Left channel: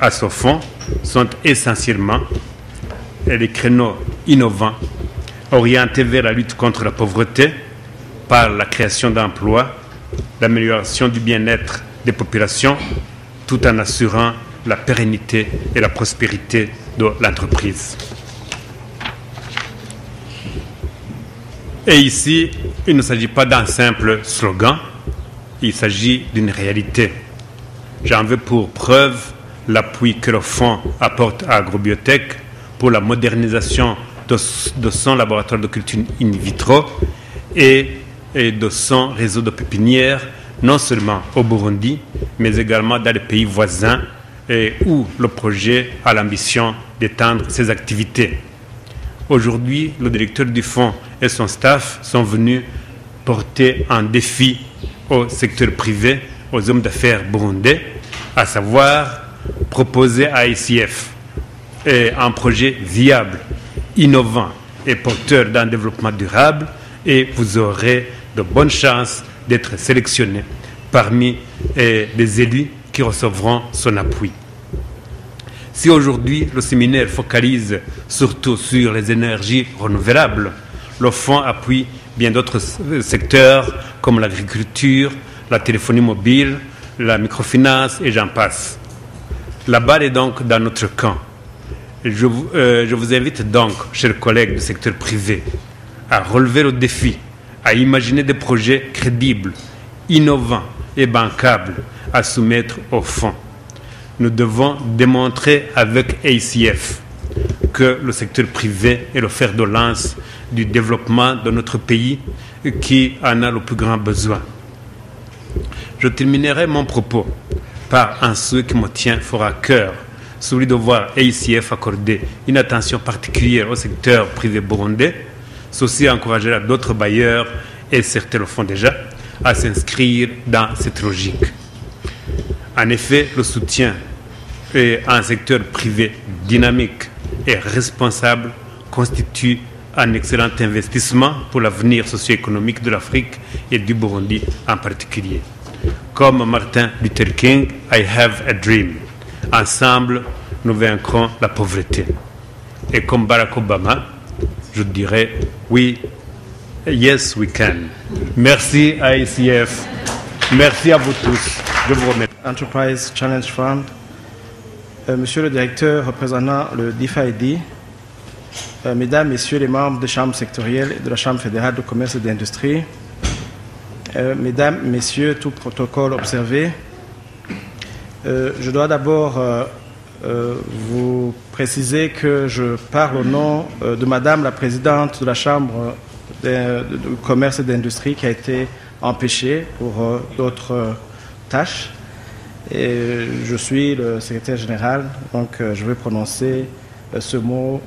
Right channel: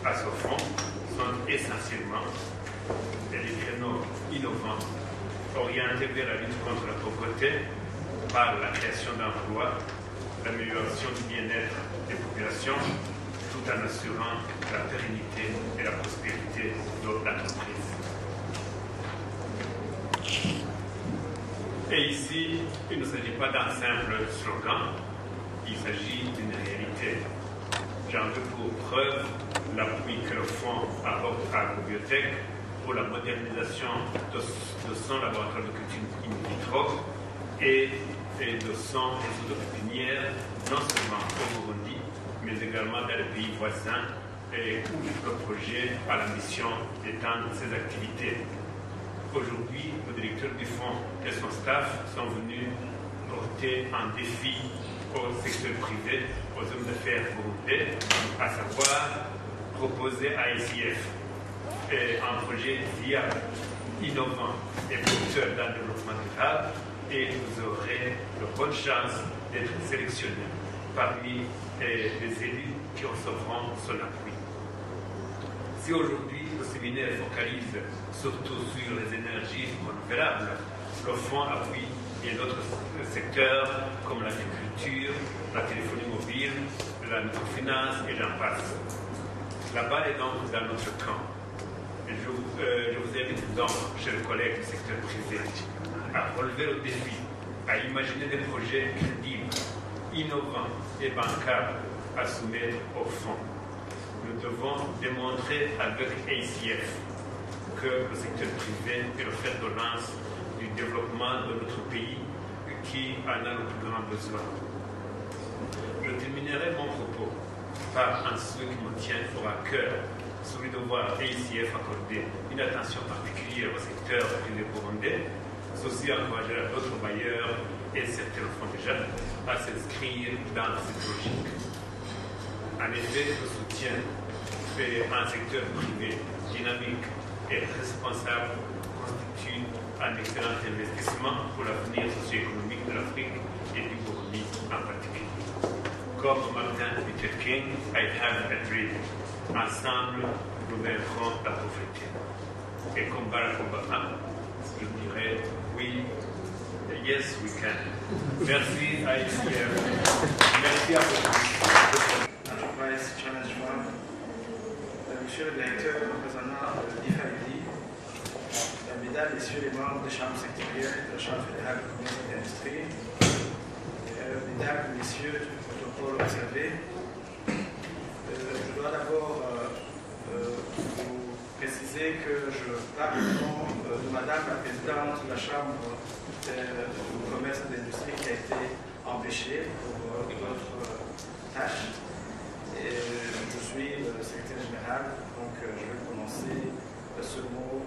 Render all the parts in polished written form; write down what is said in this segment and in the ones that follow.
À ce fonds sont essentiellement les créneaux innovants orientés vers la lutte contre la pauvreté par la création d'emplois, l'amélioration du bien-être des populations, tout en assurant la pérennité et la prospérité de l'entreprise. Et ici, il ne s'agit pas d'un simple slogan, il s'agit d'une réalité. J'en veux pour preuve l'appui que le fonds apporte à Agrobiotech pour la modernisation de son laboratoire de culture in vitro et de son réseau de pépinières, non seulement au Burundi, mais également dans les pays voisins où le projet a l'ambition d'étendre ses activités. Aujourd'hui, le directeur du fonds et son staff sont venus porter un défi au secteur privé, aux hommes d'affaires burundais, à savoir proposer à ICF un projet viable, innovant et porteur d'un développement durable, et vous aurez de bonnes chances d'être sélectionné parmi les élus qui recevront son appui. Si aujourd'hui le séminaire focalise surtout sur les énergies renouvelables, le fonds appuie bien d'autres secteurs comme l'agriculture, la téléphonie mobile, la microfinance et j'en passe. La balle est donc dans notre camp. Je vous invite donc, chers collègues du secteur privé, à relever le défi, à imaginer des projets crédibles, innovants et bancables à soumettre au fonds. Nous devons démontrer avec ACF que le secteur privé est le fer de lance du développement de notre pays qui en a le plus grand besoin. Je terminerai mon propos par un souhait qui me tient fort à cœur, celui de voir ACF accorder une attention particulière au secteur privé burundais. Ceci encouragera d'autres bailleurs, et certains le font déjà, à s'inscrire dans cette logique. En effet, le soutien à un secteur privé dynamique et responsable constitue un excellent investissement pour l'avenir socio-économique de l'Afrique et du Burundi en particulier. Comme Martin Luther King, I have a dream. Ensemble, nous vaincrons la pauvreté. Et comme Barack Obama, je dirais oui, yes we can. Merci à ICF. Merci à vous tous. Je vous remercie. Enterprise Challenge Fund. Monsieur le directeur représentant le DFID, Mesdames, Messieurs les membres des chambres sectorielles et de la Chambre fédérale de commerce et d'industrie, Mesdames, Messieurs, tout protocole observé, je dois d'abord vous préciser que je parle au nom de Madame la Présidente de la Chambre de commerce et d'industrie qui a été empêchée pour d'autres tâches. Et je suis le secrétaire général, donc je vais prononcer ce mot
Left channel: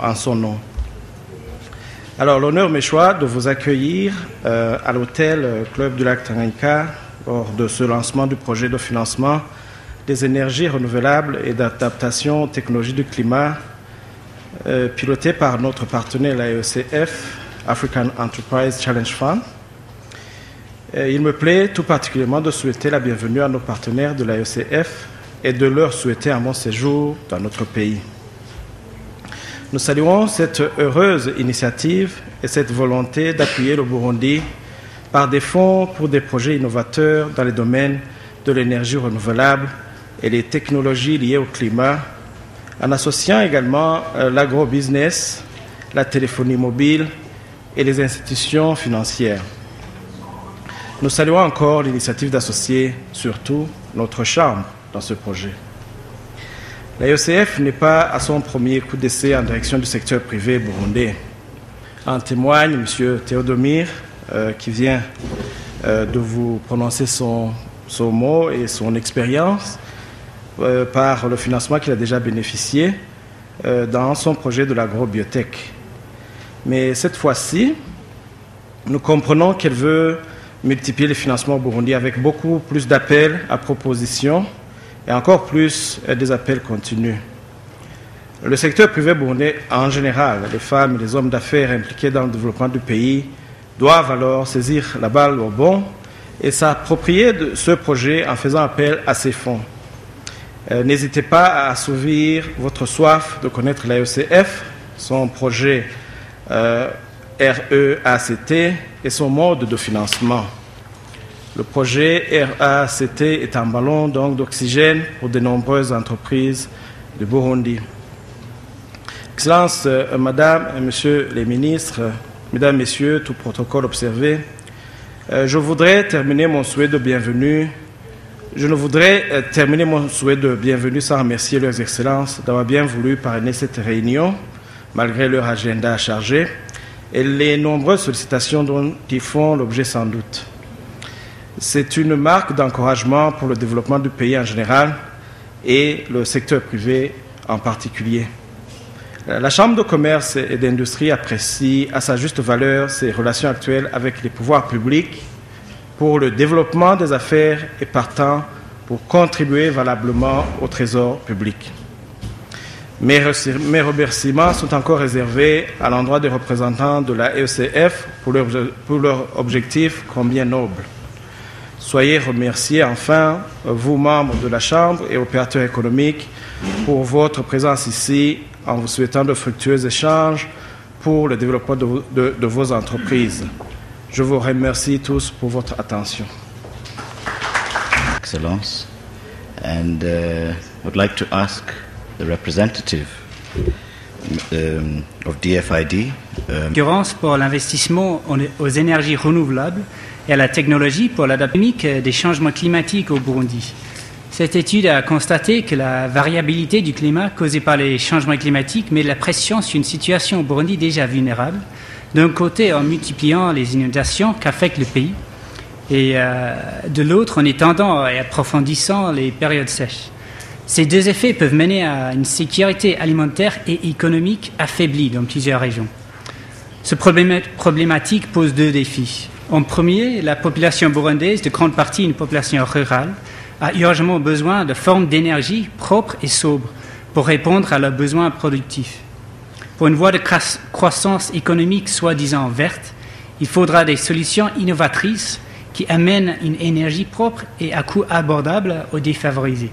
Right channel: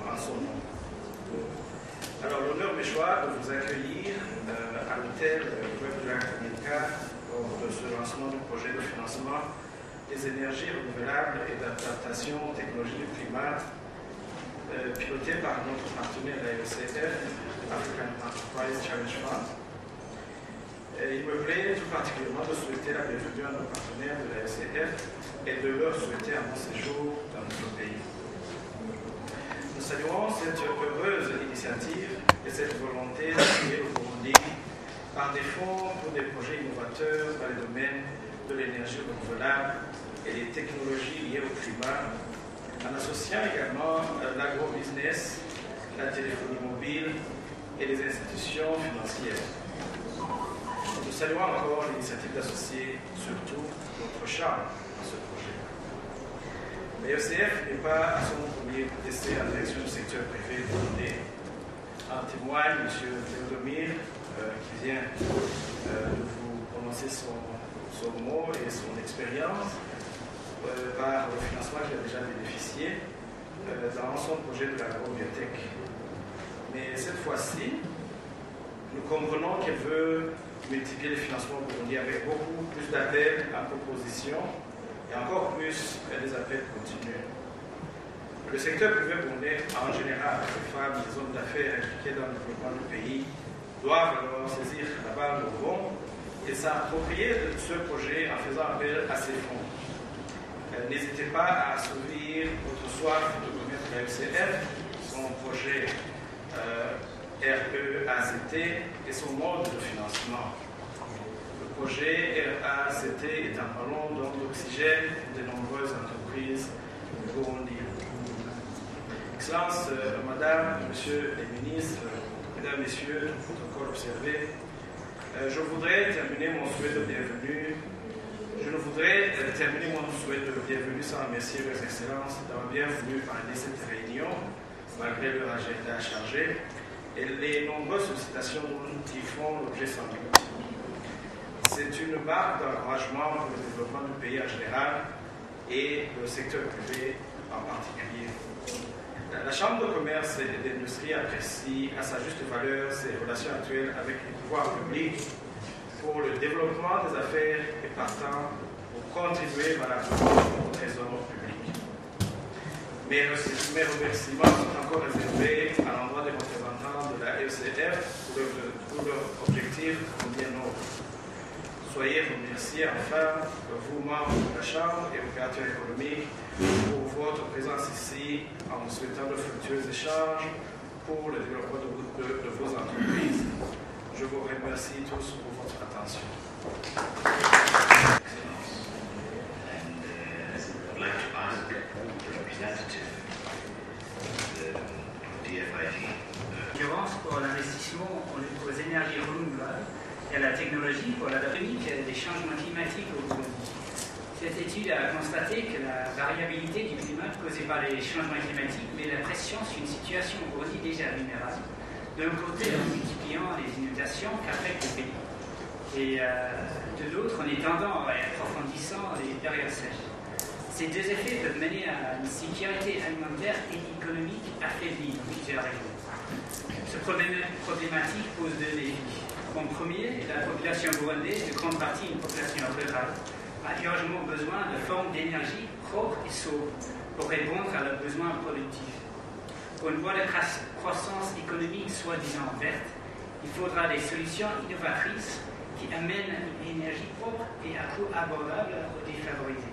en son nom. Alors, l'honneur m'échoit de vous accueillir à l'hôtel Club du Lac Tanganyika lors de ce lancement du projet de financement des énergies renouvelables et d'adaptation aux technologies du climat piloté par notre partenaire l'AECF, African Enterprise Challenge Fund. Il me plaît tout particulièrement de souhaiter la bienvenue à nos partenaires de l'AECF et de leur souhaiter un bon séjour dans notre pays. Nous saluons cette heureuse initiative et cette volonté d'appuyer le Burundi par des fonds pour des projets innovateurs dans les domaines de l'énergie renouvelable et les technologies liées au climat, en associant également l'agrobusiness, la téléphonie mobile et les institutions financières. Nous saluons encore l'initiative d'associer surtout notre Chambre dans ce projet. L'AECF n'est pas à son premier coup d'essai en direction du secteur privé burundais. En témoigne M. Théodomir, qui vient de vous prononcer son mot et son expérience par le financement qu'il a déjà bénéficié dans son projet de l'agrobiotech. Mais cette fois-ci, nous comprenons qu'elle veut multiplier les financements au Burundi avec beaucoup plus d'appels à propositions et encore plus des appels continus. Le secteur privé burundais en général, les femmes et les hommes d'affaires impliqués dans le développement du pays, doivent alors saisir la balle au bond et s'approprier de ce projet en faisant appel à ces fonds. N'hésitez pas à assouvir votre soif de connaître l'AECF, son projet REACT et son mode de financement. Le projet REACT est un ballon d'oxygène pour de nombreuses entreprises de Burundi. Excellences, Madame et Monsieur les ministres, Mesdames, Messieurs, tout protocole observé, je voudrais terminer mon souhait de bienvenue. Je ne voudrais terminer mon souhait de bienvenue sans remercier leurs excellences d'avoir bien voulu parrainer cette réunion, malgré leur agenda chargé, et les nombreuses sollicitations dont ils font l'objet sans doute. C'est une marque d'encouragement pour le développement du pays en général et le secteur privé en particulier. La Chambre de commerce et d'industrie apprécie à sa juste valeur ses relations actuelles avec les pouvoirs publics pour le développement des affaires et partant pour contribuer valablement au trésor public. Mes remerciements sont encore réservés à l'endroit des représentants de la ECF pour leur objectif combien noble. Soyez remerciés enfin, vous membres de la Chambre et opérateurs économiques, pour votre présence ici en vous souhaitant de fructueux échanges pour le développement de vos entreprises. Je vous remercie tous pour votre attention. Excellence, and would like to ask the representative of DFID. Concurrence pour l'investissement aux énergies renouvelables et à la technologie pour l'adaptation des changements climatiques au Burundi. Cette étude a constaté que la variabilité du climat causée par les changements climatiques met de la pression sur une situation au Burundi déjà vulnérable, d'un côté en multipliant les inondations qu'affectent le pays, et de l'autre en étendant et approfondissant les périodes sèches. Ces deux effets peuvent mener à une sécurité alimentaire et économique affaiblie dans plusieurs régions. Ce problématique pose deux défis. En premier, la population burundaise, de grande partie une population rurale, a urgemment besoin de formes d'énergie propres et sobres pour répondre à leurs besoins productifs. Pour une voie de croissance économique soi-disant verte, il faudra des solutions innovatrices qui amènent une énergie propre et à coût abordable aux défavorisés.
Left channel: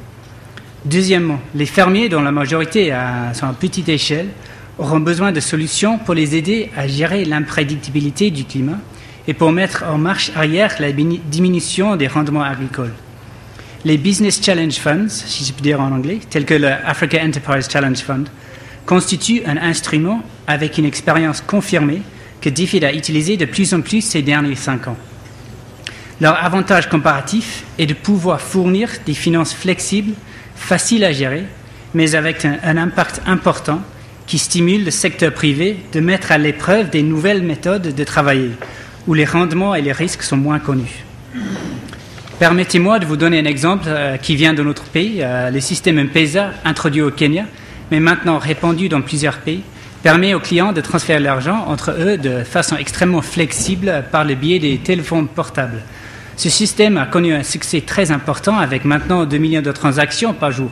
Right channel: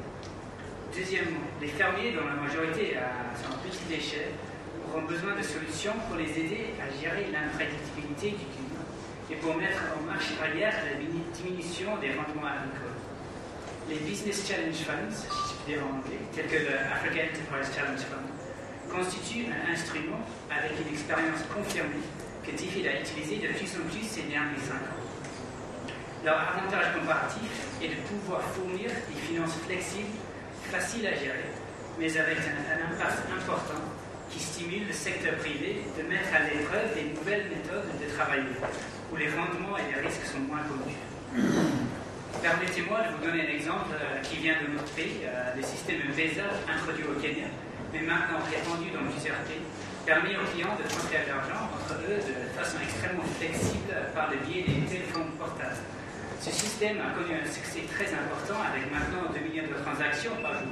Deuxièmement, les fermiers, dont la majorité sont à petite échelle, auront besoin de solutions pour les aider à gérer l'imprédictibilité du climat et pour mettre en marche arrière la diminution des rendements agricoles. Les Business Challenge Funds, si je peux dire en anglais, tels que le Africa Enterprise Challenge Fund, constituent un instrument avec une expérience confirmée que DFID a utilisé de plus en plus ces derniers 5 ans. Leur avantage comparatif est de pouvoir fournir des finances flexibles, faciles à gérer, mais avec un impact important qui stimule le secteur privé de mettre à l'épreuve des nouvelles méthodes de travailler, où les rendements et les risques sont moins connus. Permettez-moi de vous donner un exemple qui vient de notre pays. Le système M-Pesa, introduit au Kenya, mais maintenant répandu dans plusieurs pays, permet aux clients de transférer l'argent entre eux de façon extrêmement flexible par le biais des téléphones portables. Ce système a connu un succès très important avec maintenant 2 millions de transactions par jour.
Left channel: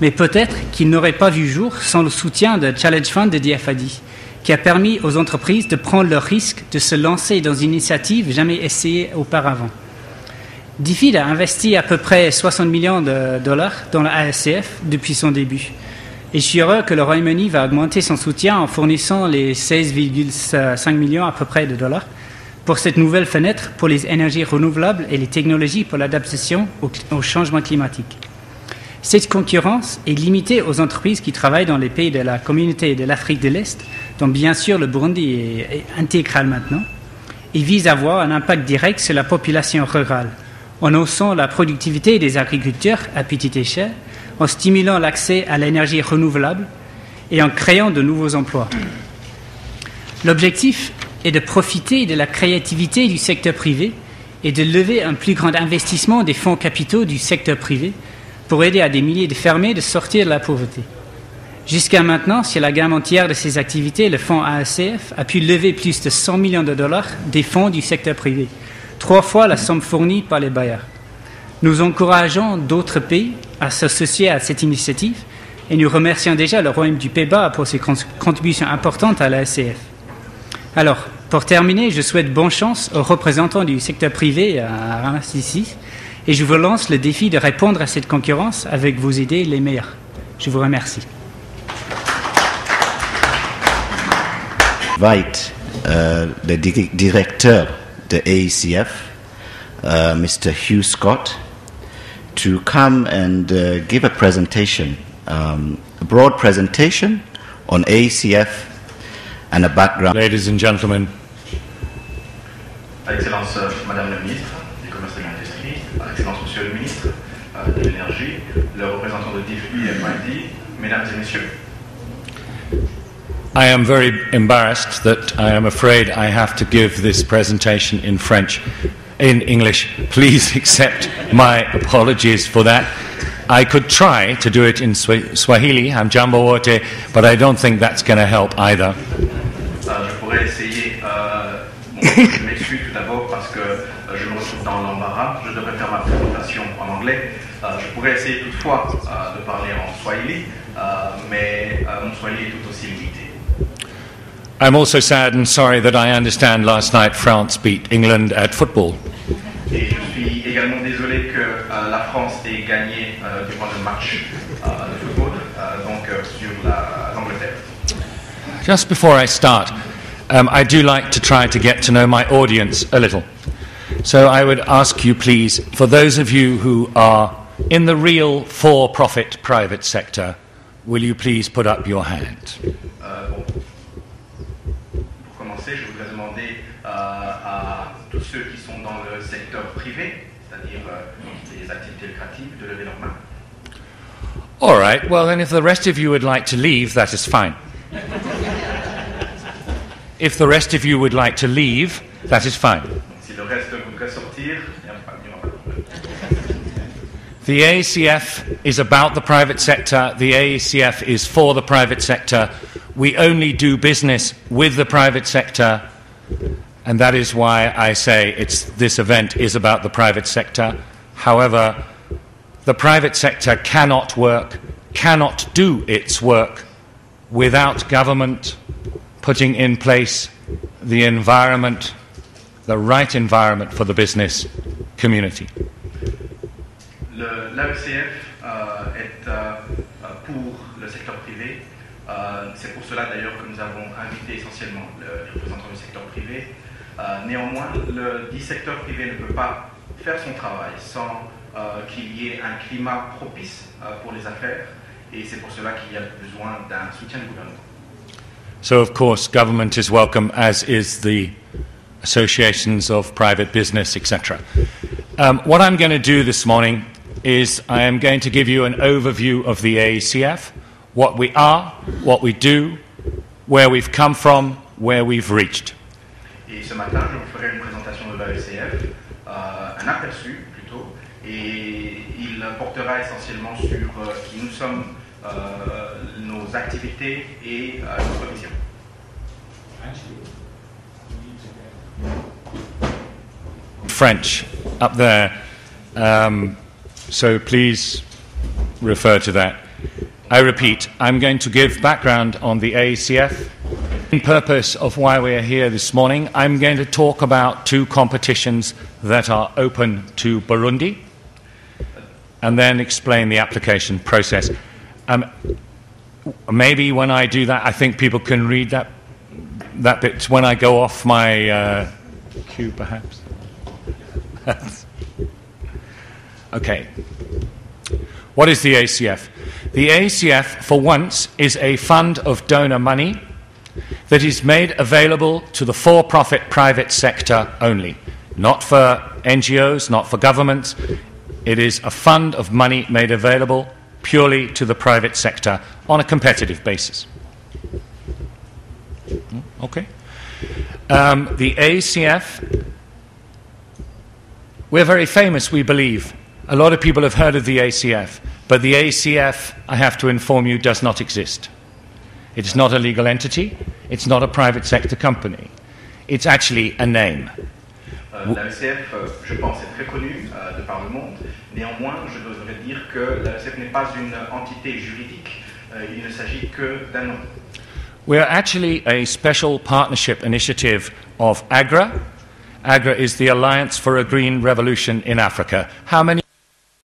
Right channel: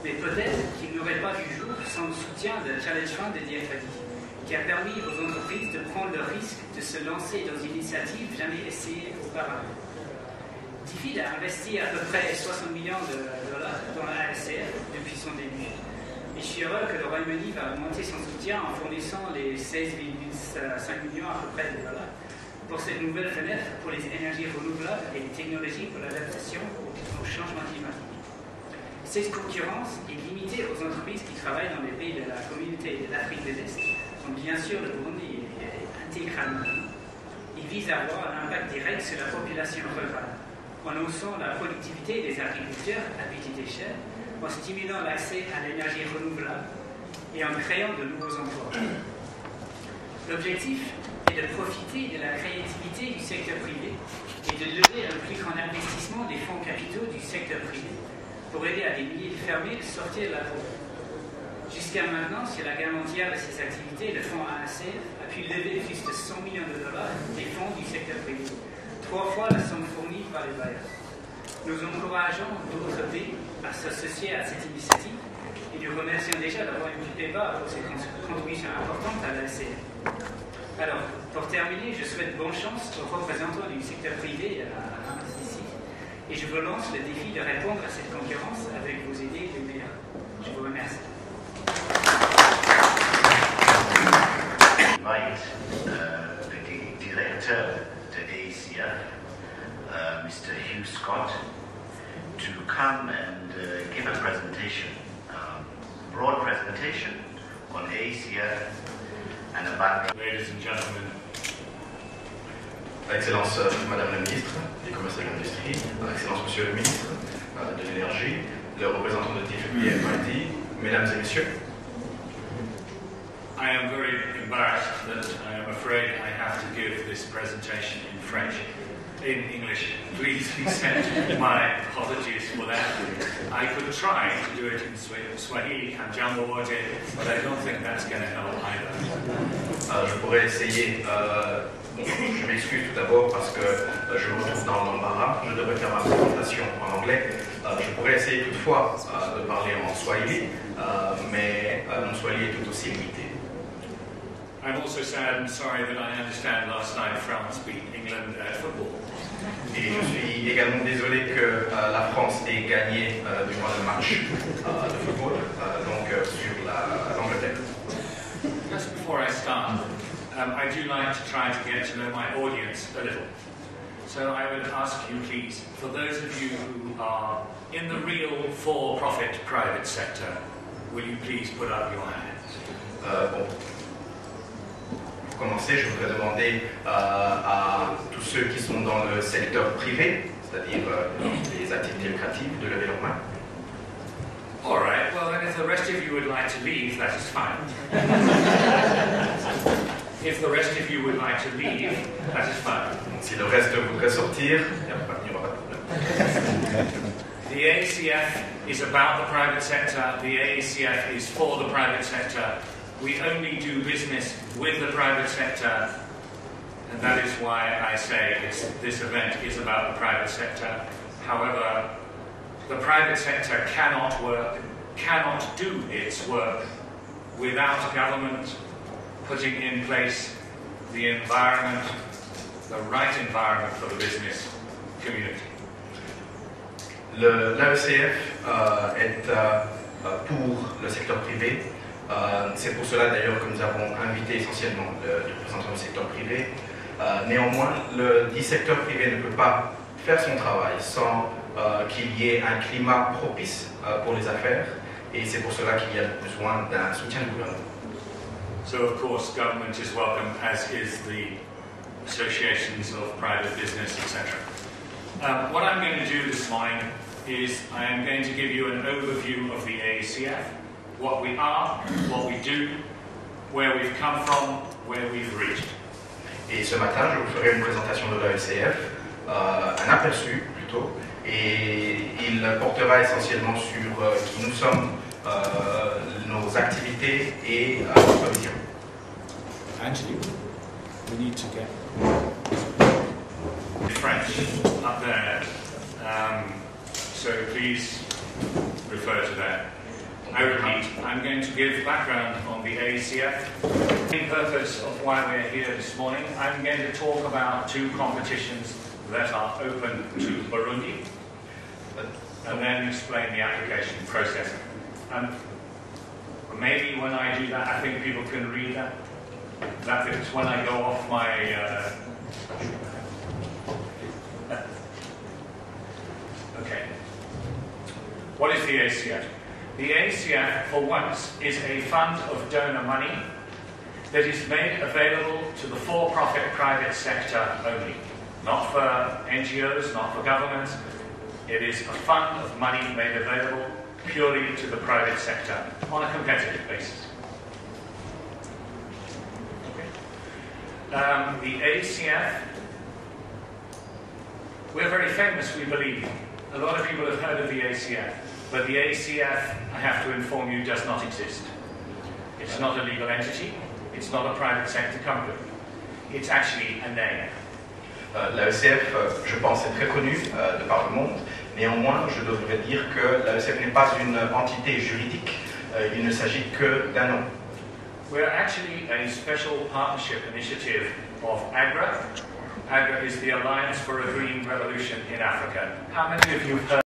Mais peut-être qu'il n'aurait pas vu jour sans le soutien de Challenge Fund de DFID, qui a permis aux entreprises de prendre le risque de se lancer dans une initiative jamais essayée auparavant. DFID a investi à peu près 60 millions de dollars dans la ASCF depuis son début. Et je suis heureux que le Royaume-Uni va augmenter son soutien en fournissant les 16,5 millions à peu près de dollars pour cette nouvelle fenêtre pour les énergies renouvelables et les technologies pour l'adaptation au changement climatique. Cette concurrence est limitée aux entreprises qui travaillent dans les pays de la communauté de l'Afrique de l'Est, dont bien sûr le Burundi est intégral maintenant, et vise à avoir un impact direct sur la population rurale, en haussant la productivité des agriculteurs à petite échelle, en stimulant l'accès à l'énergie renouvelable et en créant de nouveaux emplois. L'objectif est de profiter de la créativité du secteur privé et de lever un plus grand investissement des fonds capitaux du secteur privé pour aider à des milliers de fermiers de sortir de la pauvreté. Jusqu'à maintenant, sur la gamme entière de ces activités, le fonds ASCF a pu lever plus de 100 millions de dollars des fonds du secteur privé, 3 fois la somme fournie par les bailleurs. Nous encourageons d'autres pays à s'associer à cette initiative et nous remercions déjà le Royaume du Pays-Bas pour ses contributions importantes à la SCF. Alors, pour terminer, je souhaite bonne chance aux représentants du secteur privé à Ramassis et je vous lance le défi de répondre à cette concurrence avec vos idées les meilleures. Je vous remercie. Invite the director de AECF, Mr. Hugh Scott, to come and give a presentation, a broad presentation on AECF and a background. Ladies and gentlemen, Excellence Madame la Ministre des Commerces et de l'Industrie, Excellence Monsieur le Ministre de l'Énergie, le représentant de DFID, Mesdames et Messieurs. I am very embarrassed that I am afraid I have to give this presentation in English. Please accept my apologies for that. I could try to do it in Swahili, Hamjambo wote, but I don't think that's going to help either. Je pourrais essayer, je m'excuse tout d'abord parce que je me retrouve dans l'embarras, je devrais faire ma présentation en anglais. Je pourrais essayer toutefois de parler en Swahili, mais mon Swahili est tout aussi limité. I'm also sad and sorry that I understand last night France beat England at football. Et je suis également désolé que la France ait gagné durant le match de football, donc sur l'Angleterre. Just before I start, I do like to try to get to know my audience a little. So I would ask you please, for those of you who are in the real for-profit private sector, will you please put up your hand? Je voudrais demander à tous ceux qui sont dans le secteur privé, c'est-à-dire les activités lucratives, de lever leurs mains. All right, well then if the rest of you would like to leave, that is fine. If the rest of you would like to leave, that is fine. Si le reste voudrait sortir, il n'y aura pas de problème. The AECF is about the private sector. The AECF is for the private sector. We only do business with the private sector, and that is why I say this event is about the private sector. However, the private sector cannot do its work without government putting in place the environment, the right environment for the business community. L'AECF est pour le secteur privé. C'est pour cela d'ailleurs que nous avons invité essentiellement les représentants du secteur privé. Néanmoins, le dit secteur privé ne peut pas faire son travail sans qu'il y ait un climat propice pour les affaires, et c'est pour cela qu'il y a besoin d'un soutien du gouvernement. So of course government is welcome, as is the associations of private business, etc. What I'm going to do this morning is I am going to give you an overview of the AECF, what we are, what we do, where we've come from, where we've reached. Et ce matin, je vous ferai une présentation de l'AECF, un aperçu plutôt, et il portera essentiellement sur qui nous sommes, nos activités et notre vision. Actually, we need to get French up there, so please refer to that. I repeat, I'm going to give background on the AECF. The purpose of why we're here this morning, I'm going to talk about two competitions that are open to Burundi, and then explain the application process. Maybe when I do that, I think people can read that bit when I go off my cue, perhaps. Okay. What is the AECF? The AECF, for once, is a fund of donor money that is made available to the for-profit private sector only. Not for NGOs, not for governments. It is a fund of money made available purely to the private sector on a competitive basis. Okay. The AECF, we're very famous, we believe. A lot of people have heard of the AECF. But the AECF, I have to inform you, does not exist. It's not a legal entity. It's not a private sector company. It's actually a name. L'AECF, je pense, est très connue de par le monde. Néanmoins, je devrais dire que l'AECF n'est pas une entité juridique. Il ne s'agit que d'un nom. We're actually a special partnership initiative of AGRA AGRA is the Alliance for a Green Revolution in Africa. How many of you have heard